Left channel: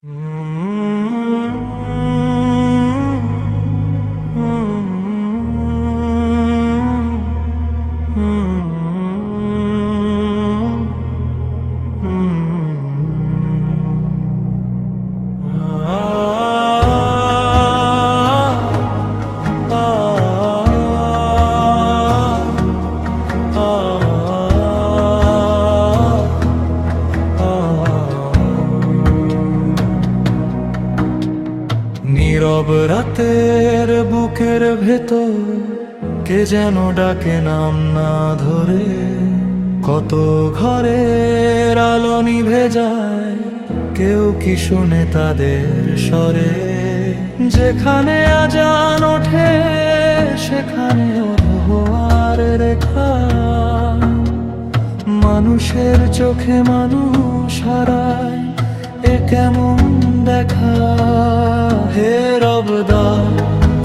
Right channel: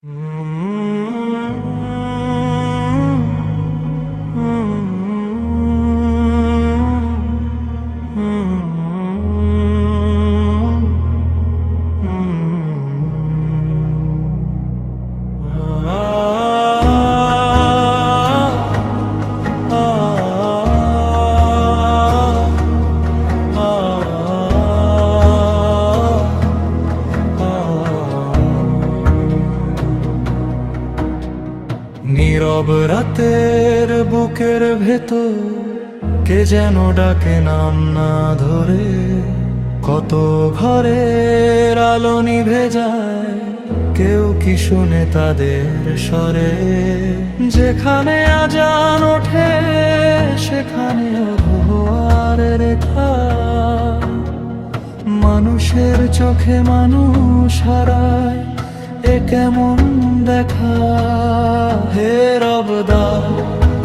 নীরব রাতের বুকের ভেতর কে যেন ডাকে নাম না ধরে, কত ঘরের আলো নিভে যায়, কেউ কি শুনে তাদের স্বরে। যেখানে আজান ওঠে সেখানে ধোয়ার রেখা, মানুষের চোখে মানুষ হারায়, এ কেমন দেখা। হে রবদা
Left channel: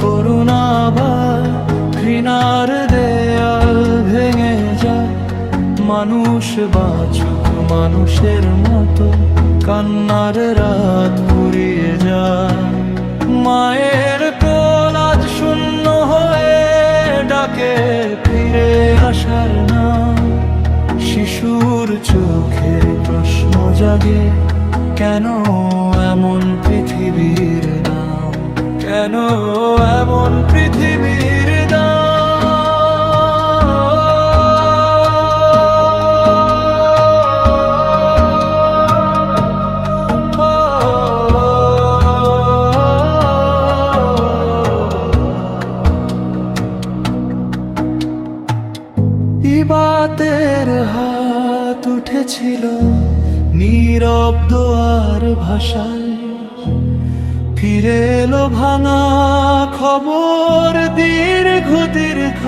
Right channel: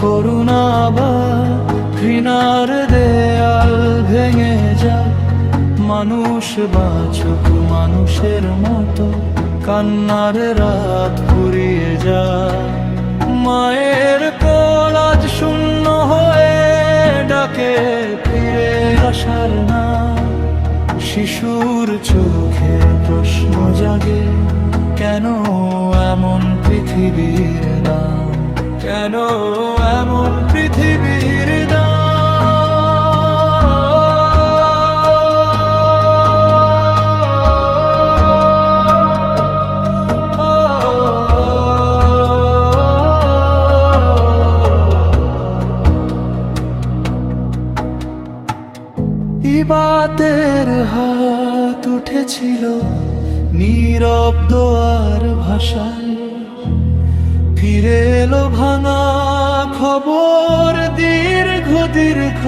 করুণা বা ঘৃণার দেয়াল ভেঙে যায়, মানুষ বাঁচুক মানুষের মতো, কান্নার রাত ফুরিয়ে যায়। মায়ের কোল আজ শূন্য হয়ে ডাকে ফিরে আসার নাম, শিশুর চোখে প্রশ্ন জাগে, কেন এমন পৃথিবীর দাম, কেন এমন পৃথিবীর দাম। ইবাতের হাত উঠেছিল নীরব দোয়ার ভাষায়, ফিরে এলো ভাঙা খবর দীর্ঘ দীর্ঘ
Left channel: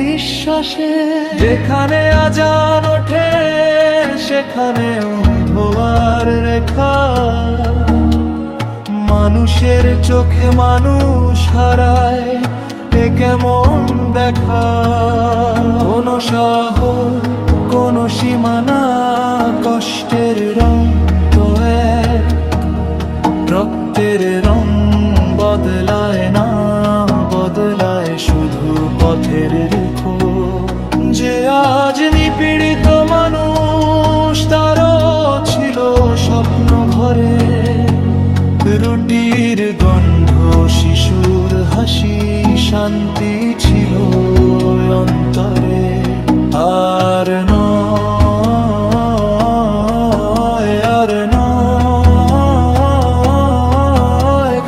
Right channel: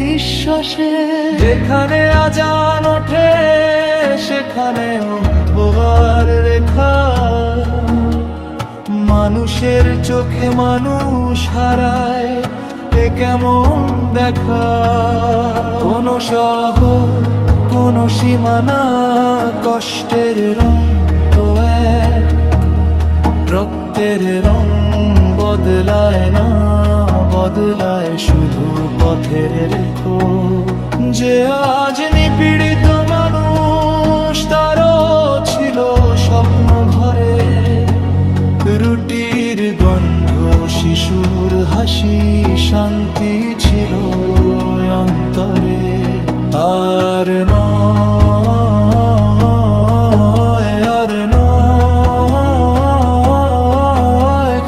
নিঃশ্বাসে। যেখানে আজান ওঠে সেখানেও ধোয়ার রেখা, মানুষের চোখে মানুষ হারায়, এ কেমন দেখা। কোন শহর কোন সীমানা, কষ্টের রং তো এক, রক্তের রং বদলায় না, বদলায় শুধু পথের রেখো। যে আজ নিপীড়িত মানুষ, তারও ছিল স্বপ্ন ঘরে, রুটির গন্ধ শিশুর হাসি, শান্তি ছিল অন্তরে। আর নয়, আর নয়,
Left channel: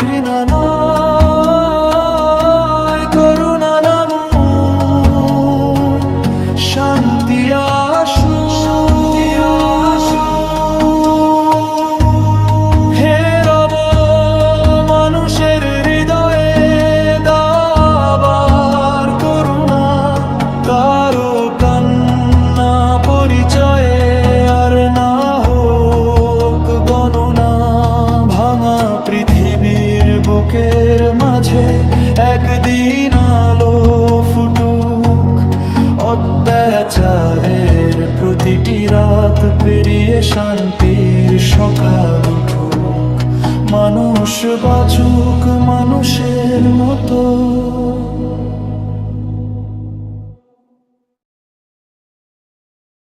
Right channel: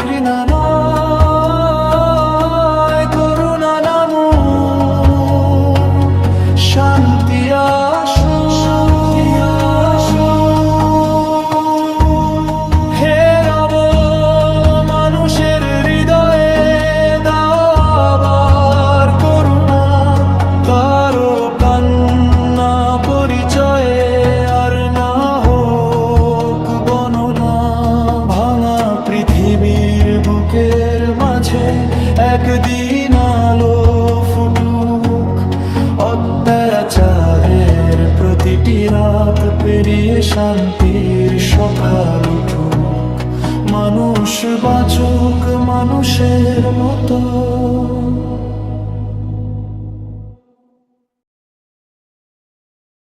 ঘৃণা নয়, করুণা নামু, শান্তি আসু, শান্তি আসু। হে রব মানুষের হৃদয়ে দাও আবার করুণা, কারো কান্না পরিচয়ে আর না হোক গণনা। ভাঙা পৃথিবীর বুকের মাঝে একদিন আলো ফুটুক, অত্যাচারের প্রতিটি রাত পেরিয়ে শান্তির সকাল উঠুক, মানুষ বাঁচুক মানুষের মতো।